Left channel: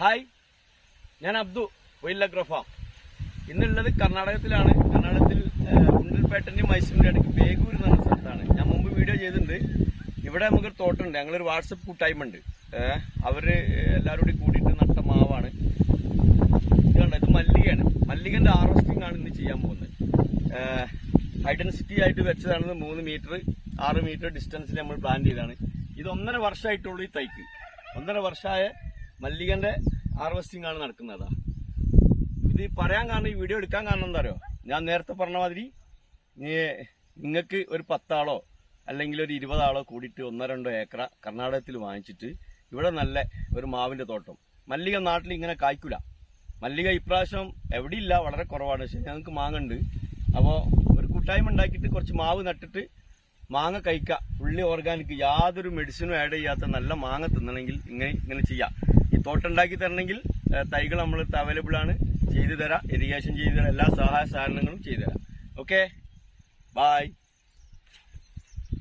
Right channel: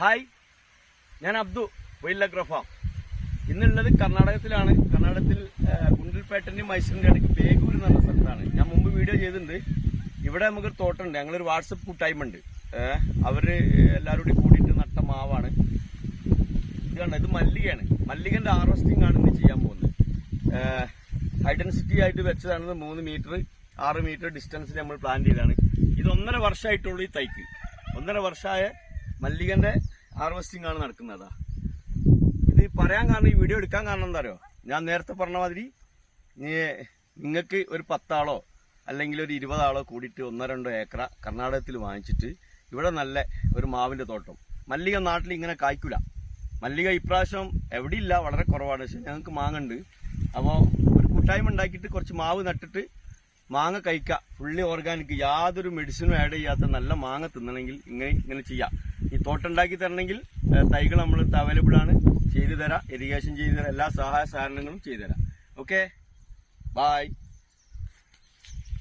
Hi ഞാൻ Abdu wild life farm. ഇന്നുള്ളത് കർണാടകത്തിലാണ്. കർണാടകത്തിൽ ഉണ്ടിൽപേട്ടന്റെയും മൈസൂരിന്റെ ഇടയ്ക്ക് ബേഗൂർ എന്ന് പറഞ്ഞ സ്ഥലത്താണ്. ഞാൻ മുമ്പ് വീഡിയോ ചെയ്തിട്ടുണ്ട്. ഇവിടെ നമുക്കൊരു തോട്ടമുണ്ട് ഞങ്ങളൊരു വാട്സപ്പ് കൂട്ടായ്മ ഉണ്ട് അവർ എല്ലാവരും കൂടി കൂടിയിട്ട് നട്ട മാവാണ്. ഇത് കണ്ട? ഇത് മല്ലികയാണ്. മല്ലികന്റെ ഹാർവസ്റ്റിംഗ് ആണ് ഇന്ന് ചെയ്യാൻ പോകുന്നത്. ഹൈഡൻസിറ്റി ആയിട്ട് വെച്ചതാണ് മൂന്ന് മീറ്റർ ആറ് മീറ്റർ ഡിസ്റ്റൻസിൽ നമ്മൾ പ്ലാൻ ചെയ്തതാണ്. ഇത് ഒന്നര വർഷമായിട്ടുള്ളൂ ഈ തൈക്ക്. ഒന്നര വർഷമായ മല്ലികന്റെ ഹാർവെസ്റ്റിംഗ് ആണ് നടക്കുന്നതാ ഇത് പറയാൻ കാരണം ഈ വീഡിയോ എടുക്കാൻ കാരണം എന്താ ഞാൻ നേരത്തെ പറഞ്ഞ മാതിരി നിങ്ങൾക്ക് ഒരു പത്താളോ അല്ലെങ്കിൽ ഒരു ഇരുപതാളോ കൂടിയിട്ട് ഒന്നോ രണ്ടോ ഏക്കർ കർണാടകത്തിൽ വാങ്ങിച്ചിട്ട് ഇവിടെ നല്ല ഒരു മാവിന്റെ തോട്ടം. മല്ലിക നാട്ടിൽ ഇങ്ങനെ കായ്ക്കൂല. മല്ലിക ഇപ്രാവശ്യം എവിടെയില്ല വളരെ കുറവാണ്. പക്ഷെ ഞങ്ങൾക്ക് മാങ്ങുണ്ട്. അപ്പോൾ ഒരു കൂട്ടായ്മ ഉണ്ടാക്കിയിട്ട് കുറച്ച് മാവ് നട്ടിട്ട് മാങ്ങ കഴിക്കുക ഫുള്ളി ഓർഗാനിക് യാതൊരു മെഡിസിനും ആഡ് ചെയ്യാത്ത നല്ല മാങ്ങ തിന്നണമെങ്കിൽ ഇങ്ങനെ ഇങ്ങനെ ചെയ്യാം. ഈ തോട്ടം ഉണ്ടാക്കി തരണമെങ്കിൽ തൈകൾ നമ്മൾ അവൈലബിൾ ആണ്. ചെയ്തു തരാം. ഇറിഗേഷൻ ചെയ്തു തരാം. എല്ലാ സഹായ സഹകരണങ്ങളും ചെയ്തു തരാം. Okay bye